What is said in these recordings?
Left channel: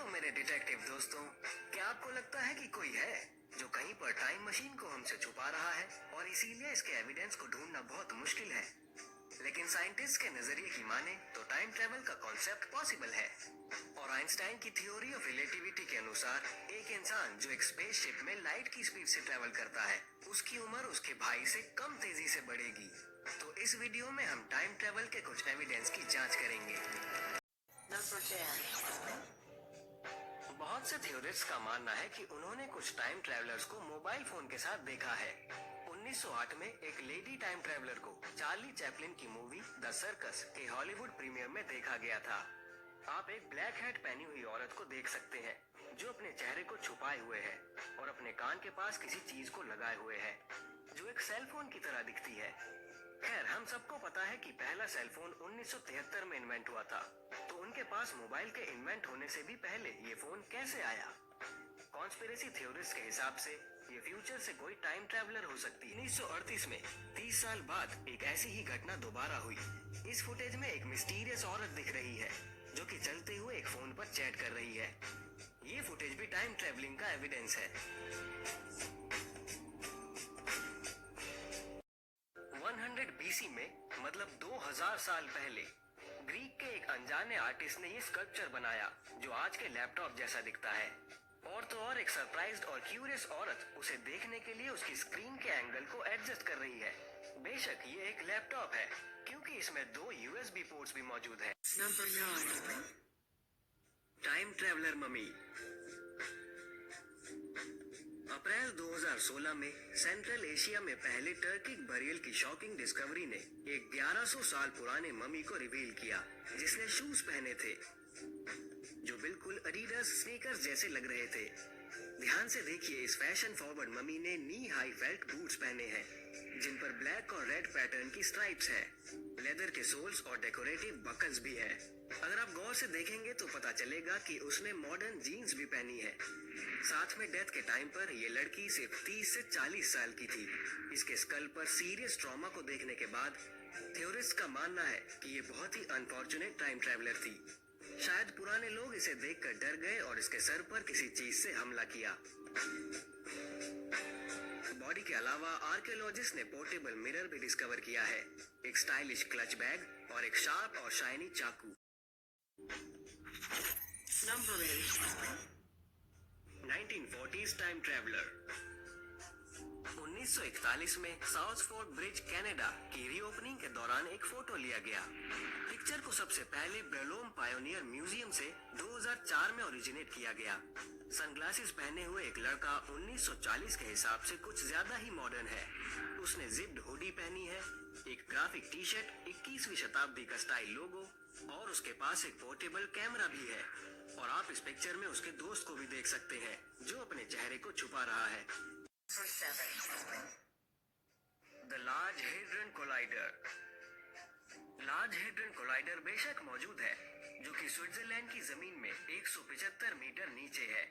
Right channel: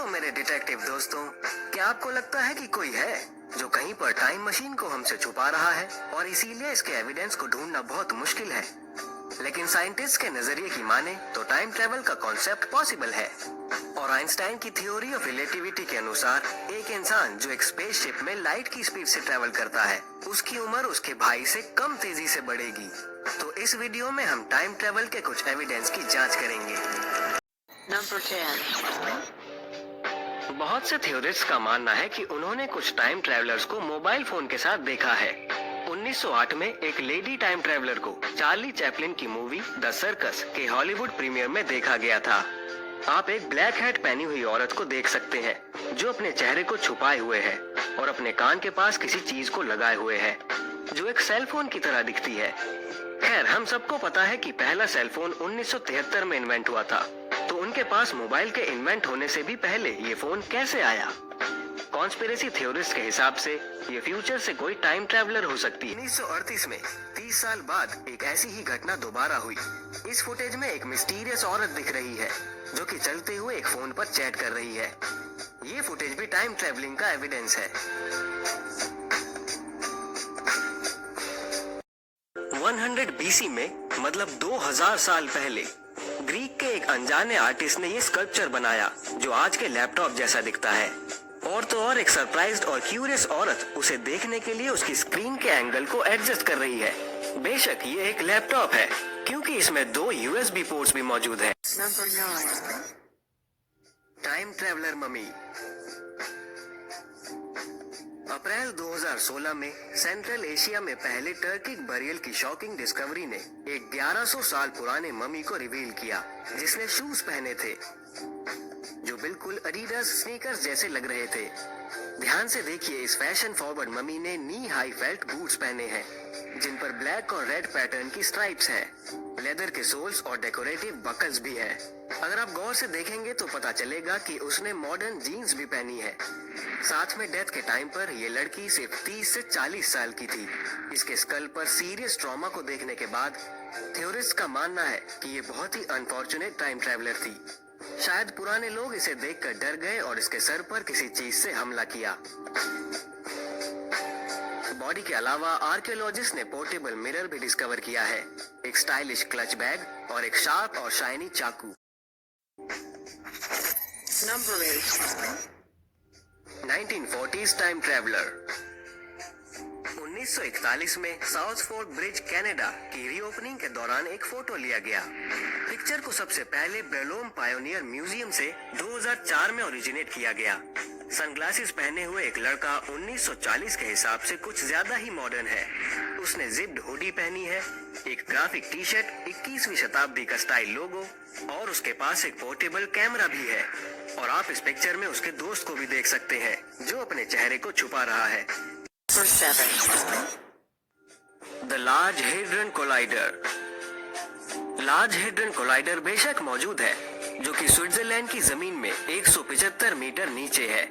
Hello मेरे detective दोस्तों, क्या आपको लगता है कि कोई है जो कहीं पर टाइम मशीन को हमसे छुपा रहा है और इसीलिए इसके एविडेंस को ढूंढना बहुत मुश्किल है? लेकिन साइंटिस्ट के नजरिए की माने तो टाइम ट्रेवल का कॉन्सेप्ट पॉसिबल है। और आइंस्टाइन की थ्योरी ऑफ रिलेटिविटी के अनुसार एक इंसान जो एक स्पेसशिप में लाइट की स्पीड से ट्रेवल करता है, उसकी उम्र उसके भाई से कम तेजी से बढ़ेगी। तो इस वीडियो में हम टाइम ट्रेवल के कुछ एविडेंस की जांच करेंगे। Number 10. बहुत से थ्योरिस्ट्स का मानना है कि उन्होंने कुछ टाइम ट्रैवलर्स को मोबाइल फोन के साथ देखा है। 1908 में एक लेडी टाइम ट्रैवलर को चार्ली चैपलिन की मूवी द सर्कस के हॉलीवुड प्रीमियर में देखा गया था। आप एक ब्लैक हैट पहनी हुई औरत को देख सकते हैं जो अपने चेहरे को छुपाए हुए है और अपने कान के पास किसी चीज को लगाए हुए है जो एक सेल फोन की तरह दिखती है। खैर, हम सबको पता है कि पहला सेल फोन 1973 में इन्वेंट हुआ था, तो उनके पास मोबाइल के इन्वेंट होने से भी पहले ये फोन कैसे आया? कॉन्स्पिरेसी थ्योरिस्ट के हिसाब से ये फ्यूचर से कोई टाइम ट्रैवलर हो सकती है। 1938 में 30 साल बाद एक ऐसी ही घटना दोबारा हुई। इस फुटेज में एक मिस्टीरियस औरत दिख रही है जो कि चलते हुए एक फोन पर चैट कर रही है। ये फुटेज भी टाइम ट्रैवलिंग का एविडेंस है। 100 BC में, मतलब 2000 साल पहले, ग्रीक के एक अनजाने आर्टिस्ट ने ये स्कल्पचर बनाया जो आज के लैपटॉप जैसा दिखता है। और तो और एक सरप्राइज्ड और क्यूरियस औरत उसे देखने के लिए उसकी स्क्रीन के एंगल को एडजस्ट कर रही है। बेशक ये एक लैपटॉप है क्योंकि इसमें 2 USB पोर्ट्स भी मौजूद है। Number 9. Time traveller mummy. अप्रैल 2016 में सेंट्रल एशिया में पहले टर्किक बरियल की शॉकिंग डिस्कवरी ने एक 1100 साल पुराने मम्मी को रिवील किया जिसने शूज पहने थे जो बिल्कुल एडिडास स्नीकर्स जैसे लग रहे थे। ध्यान से देखिए, इस फैशन फॉरवर्ड मम्मी ने नी हाई फेल्ट बूट्स पहने हैं जिन पर ब्लैक और रेड पैटर्न की स्ट्राइप्स है। लेदर के सोल्स और डेकोरेटिव बकल्स भी है। अगर आप गौर से देखेंगे तो पता चलेगा कि उसने मॉडर्न जीन्स भी पहनी है। साथ में डेथ के टाइम पर ये लड़की सिर्फ 30 से 40 साल की थी। इसके स्कल पर सीरियस ट्रॉमा को देखने के बाद थ्योरिस्ट का मानना है कि ये बहुत ही अनफॉर्चुनेट टाइम ट्रैवलर थी। शायद पुराने लोग इसे देखकर डर गए और इसके सर पर किसी चीज से हमला किया। बॉडी के अलावा आर्कियोलॉजिस्ट ने पोर्टेबल मिरर भी डिस्कवर किया है, एक स्टाइलिश क्लच बैग और एक शार्प और शाइनी चाकू। Number 8. 1940s time traveller. 1941 में साउथ फोर्क ब्रिज कनाडा की रीओपनिंग के दौरान एक फोटो लिया गया। पिक्चर को सबसे पहले ब्रेलोम पायोनियर म्यूजियम से 2004 में ओरिजिनेट किया गया। सनग्लासेस पहने हुए एक लड़का 1940 के हिसाब से कुछ ज्यादा ही मॉडर्न है। उसने जिप्ड हुडी पहनी है, एक ग्राफिक टी शर्ट, 21वीं शताब्दी का स्टाइल लोगो और उसके पास एक पोर्टेबल कैमरा भी है। और आप इस पिक्चर में उसके दोस्त को भी देख सकते हैं जो अपने चेहरे को छुपा रहा है। Number 7. The large hadron collider. Large hadron collider बेशक मौजूद है जो कि स्विट्जरलैंड की जमीन में 175 मीटर नीचे है।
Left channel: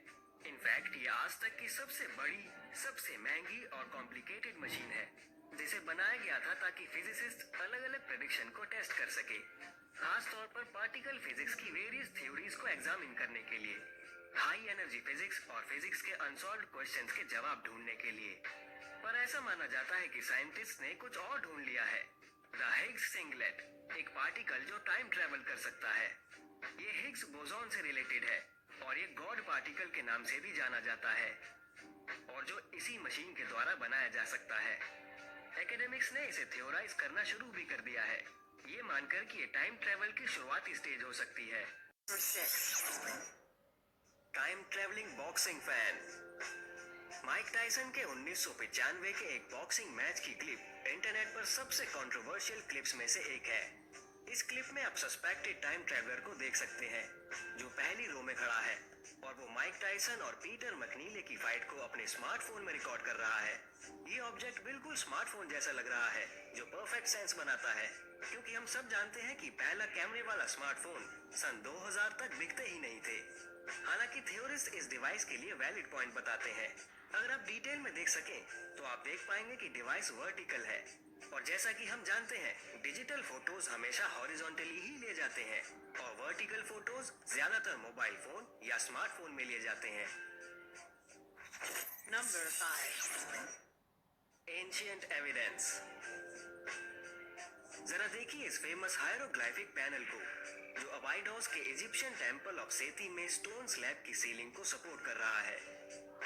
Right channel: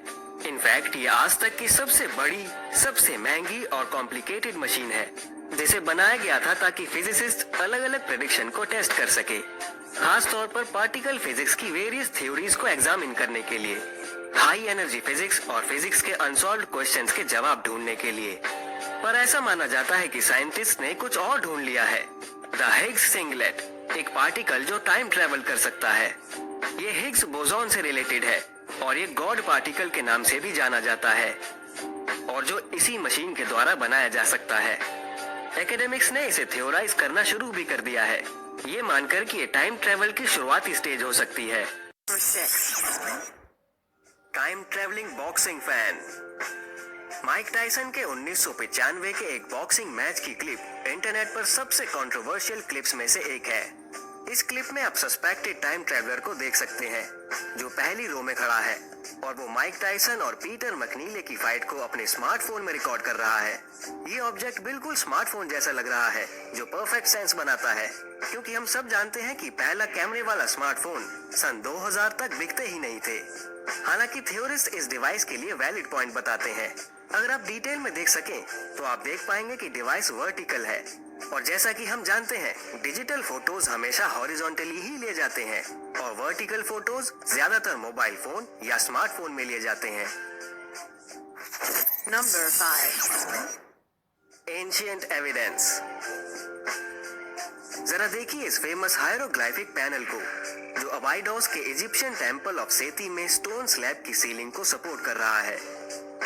इनफैक्ट ये आज तक की सबसे बड़ी, सबसे महंगी और कॉम्प्लिकेटेड मशीन है जिसे बनाया गया था ताकि फिजिसिस्ट अलग अलग प्रेडिक्शन को टेस्ट कर सके, खास तौर पर पार्टिकल फिजिक्स की वेरियस थ्योरीज को एग्जामिन करने के लिए, हाई एनर्जी फिजिक्स और फिजिक्स के अनसॉल्व्ड क्वेश्चंस के जवाब ढूंढने के लिए। पर ऐसा माना जाता है कि साइंटिस्ट ने कुछ और ढूंढ लिया है, द हिग्स सिंगलेट, एक पार्टिकल जो टाइम ट्रेवल कर सकता है। ये हिग्स बोसॉन से रिलेटेड है और ये गॉड पार्टिकल के नाम से भी जाना जाता है और जो इसी मशीन के द्वारा बनाया जा सकता है। एकेडमिक्स ने इसे थ्योराइज करना शुरू भी कर दिया है, ये मानकर कि ये टाइम ट्रेवल की शुरुआती स्टेज हो सकती है। Number 6. Time travelling boxing fan. Mike Tyson के 1995 के एक बॉक्सिंग मैच की क्लिप इंटरनेट पर सबसे कंट्रोवर्शियल क्लिप्स में से एक है। इस क्लिप में आप सस्पेक्टेड टाइम ट्रैवलर को देख सकते हैं जो पहली रो में खड़ा है और वो माइक टायसन और पीटर मकनीले की फाइट को अपने स्मार्टफोन में रिकॉर्ड कर रहा है। ये ऑब्जेक्ट बिल्कुल स्मार्टफोन जैसा लग रहा है जो परफेक्ट सेंस बनाता है क्योंकि हम सब जानते हैं कि पहला कैमरे वाला स्मार्टफोन सन 2000 तक बिकते ही नहीं थे। हालांकि थ्योरिस्ट इस डिवाइस के लिए वैलिड पॉइंट बताते हैं। अगर आप डिटेल में देख सकें तो आप देख पाएंगे कि डिवाइस वर्टिकल है और जैसा कि हम जानते हैं, डिजिटल फोटोज हमेशा हॉरिजॉन्टली ही लिए जाते हैं और वर्टिकल फोटोज ज्यादातर मोबाइल फोन या स्मार्टफोन में लिए जाते हैं। Number 5. Ancient evidence. जरा देखिए इस फेमस हायरोग्लाइफिक पैनल को, जो अबाइडोस के इजिप्शियन टेंपल ऑफ सेती में स्टोन स्लैब की सीलिंग को सपोर्ट कर रहा है।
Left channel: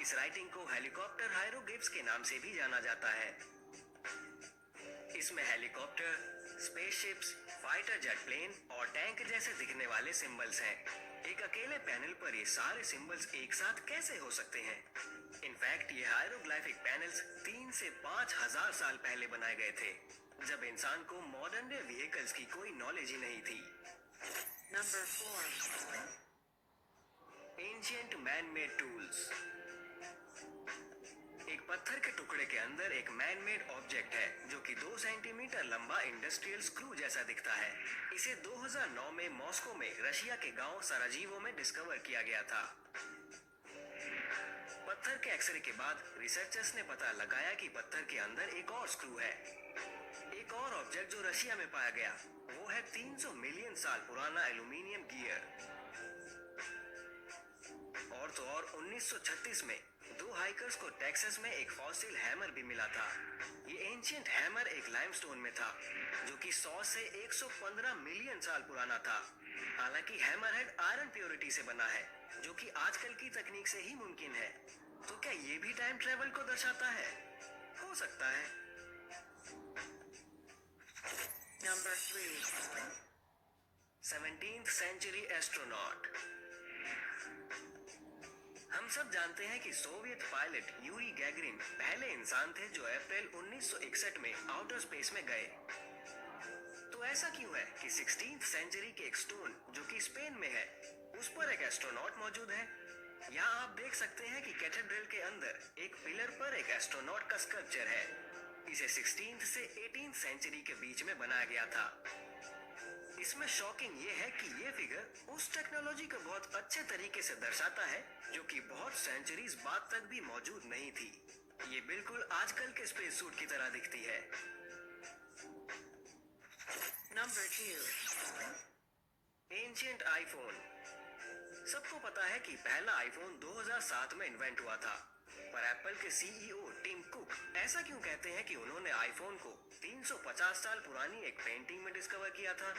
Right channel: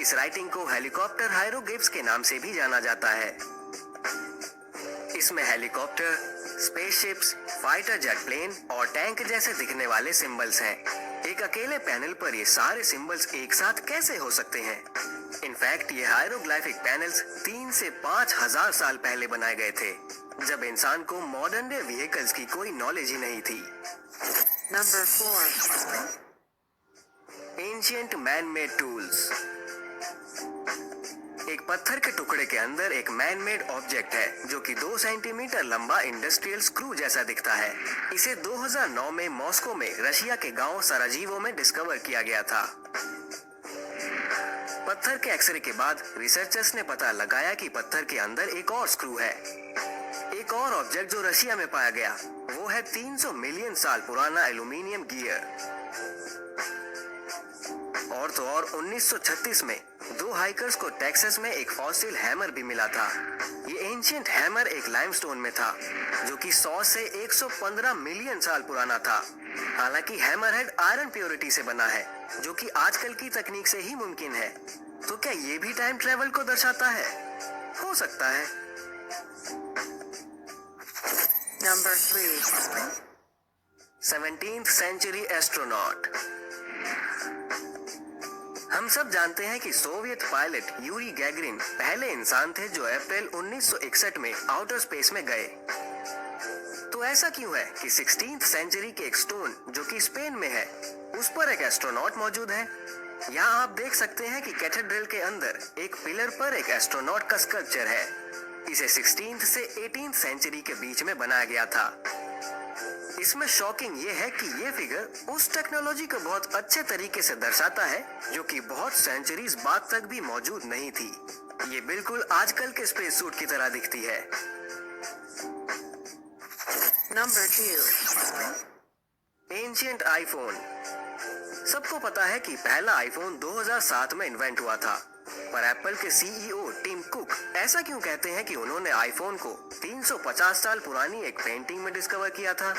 इस राइटिंग को हेलीकॉप्टर हायरोग्लिफ्स के नाम से भी जाना जाता है। इसमें helicopter, spaceships, fighter jet plane और टैंक जैसे दिखने वाले सिंबल्स हैं। एक अकेले पैनल पर ये सारे सिंबल्स एक साथ कैसे हो सकते हैं? इनफैक्ट ये हायरोग्लाइफिक पैनल्स 3 से 5,000 साल पहले बनाए गए थे, जब इंसान को मॉडर्न डे व्हीकल्स की कोई नॉलेज ही नहीं थी। Number 4. Ancient man made tools. एक पत्थर के टुकड़े के अंदर एक मैन मेड ऑब्जेक्ट है जो कि 2 सेंटीमीटर लंबा इंडस्ट्रियल स्क्रू जैसा दिखता है। इसे 2009 में मॉस्को में रशिया के गांव सराजीवो में डिस्कवर किया गया था। पत्थर के एक्सरे के बाद रिसर्चर्स ने पता लगाया कि पत्थर के अंदर एक और स्क्रू है। एक और ऑब्जेक्ट जो रशिया में पाया गया वो है 300 मिलियन साल पुराना एल्यूमिनियम गियर। और तो और 1936 में 2 हाइकर्स को टेक्सास में एक फॉसिल हैमर भी मिला था। ये एंशिएंट हैमर एक लाइमस्टोन में था जो कि 100 से 115 मिलियन साल पुराना था। हालांकि हैमर हेड आयरन प्योरिटी से बना है, जो कि आजकल की तकनीक से ही मुमकिन है। तो क्या ये भी टाइम ट्रेवल को दर्शाता है? हो सकता है। Number 3. 17th century astronaut. हम सब जानते हैं कि सोवियत पायलट यूरी गैगरिन पहले इंसान थे जो अप्रैल 1961 में आउटर स्पेस में गए। तो ऐसा क्यों है कि 16th सेंचुरी के एक स्टोन जो कि स्पेन में है, उस पर एक एस्ट्रोनॉट मौजूद है? यहाँ आप देख सकते हैं कि कैथेड्रल के अंदर एक पिलर पर एक एस्ट्रोनॉट का स्कल्पचर है। इसे 16th से 18th सेंचुरी के बीच में बनाया गया था। इसमें शॉकिंग ये है कि ये फिगर उस टेक्नोलॉजी को बहुत अच्छे तरीके से दर्शाता है जो कि बहुत सेंचुरीज बाद तक भी मौजूद नहीं थी। ये बिल्कुल आजकल के स्पेस सूट की तरह दिखती है। Number 2. Ancient iPhone. सबको पता है कि पहला आईफोन 2007 में इन्वेंट हुआ था, पर एप्पल के सीईओ टिम कुक ऐसा क्यों कहते हैं कि उन्होंने आईफोन को 350 साल पुरानी एक पेंटिंग में डिस्कवर किया था?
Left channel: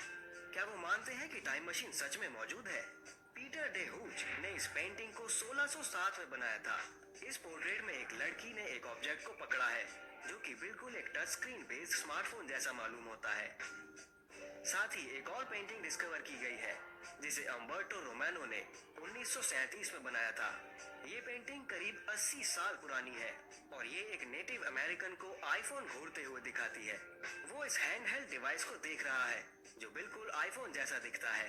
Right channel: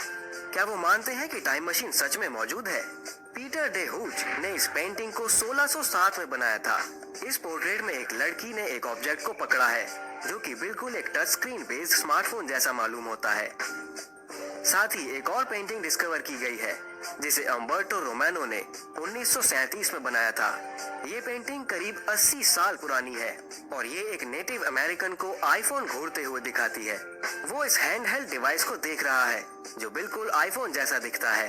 क्या वो मानते हैं कि टाइम मशीन सच में मौजूद है? पीटर डे हुच ने इस पेंटिंग को 1607 में बनाया था। इस पोर्ट्रेट में एक लड़की ने एक ऑब्जेक्ट को पकड़ा है जो कि बिल्कुल एक टच स्क्रीन बेस्ड स्मार्टफोन जैसा मालूम होता है। साथ ही एक और पेंटिंग डिस्कवर की गई है जिसे अम्बर्टो रोमानो ने 1937 में बनाया था। ये पेंटिंग करीब 80 साल पुरानी है और ये एक नेटिव अमेरिकन को आईफोन घूरते हुए दिखाती है। वो इस हैंडहेल्ड डिवाइस को देख रहा है जो बिल्कुल आईफोन जैसा दिखता है।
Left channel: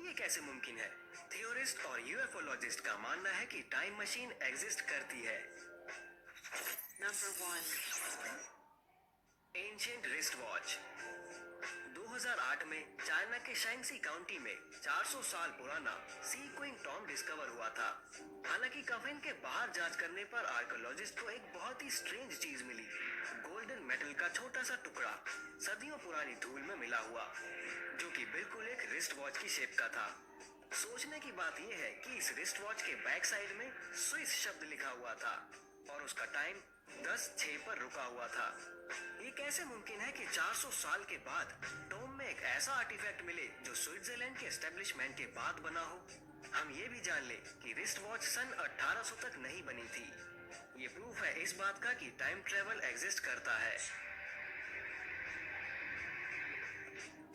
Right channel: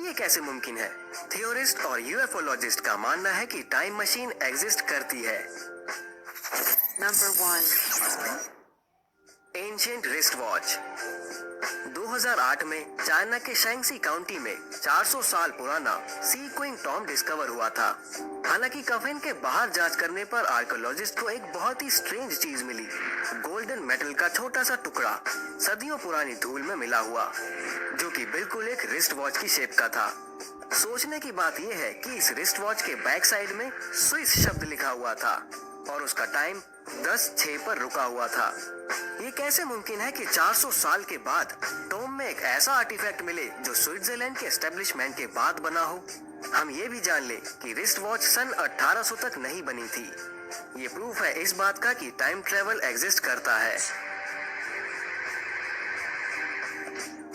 ये कैसे मुमकिन है? थियोरिस्ट और यूएफओलॉजिस्ट का मानना है कि टाइम मशीन एग्जिस्ट करती है। Number 1. Ancient wrist watch. 2008 में चाइना के शैंक्सी काउंटी में 400 साल पुराना सी क्विंग टॉम डिस्कवर हुआ था। हालांकि कफिन के बाहर जांच करने पर आर्कियोलॉजिस्ट को एक बहुत ही स्ट्रेंज चीज मिली। गोल्डन मेटल का छोटा सा टुकड़ा सदियों पुरानी धूल में मिला हुआ, जो कि बिल्कुल एक रिस्ट वॉच की शेप का था। सोचने की बात यह है कि इस रिस्ट वॉच के बैक साइड में स्विस शब्द लिखा हुआ था और उसका टाइम 10:06 पर रुका हुआ था। ये कैसे मुमकिन है कि 400 साल के बाद टॉम में एक ऐसा आर्टिफैक्ट मिले जो स्विट्जरलैंड के एस्टेब्लिशमेंट के बाद बना हो? हम ये भी जान ले कि रिस्ट वॉच सन 1800 तक नहीं बनी थी। ये प्रूफ है इस बात का कि टाइम ट्रेवल एग्जिस्ट करता है।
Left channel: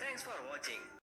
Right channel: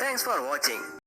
Thanks for watching.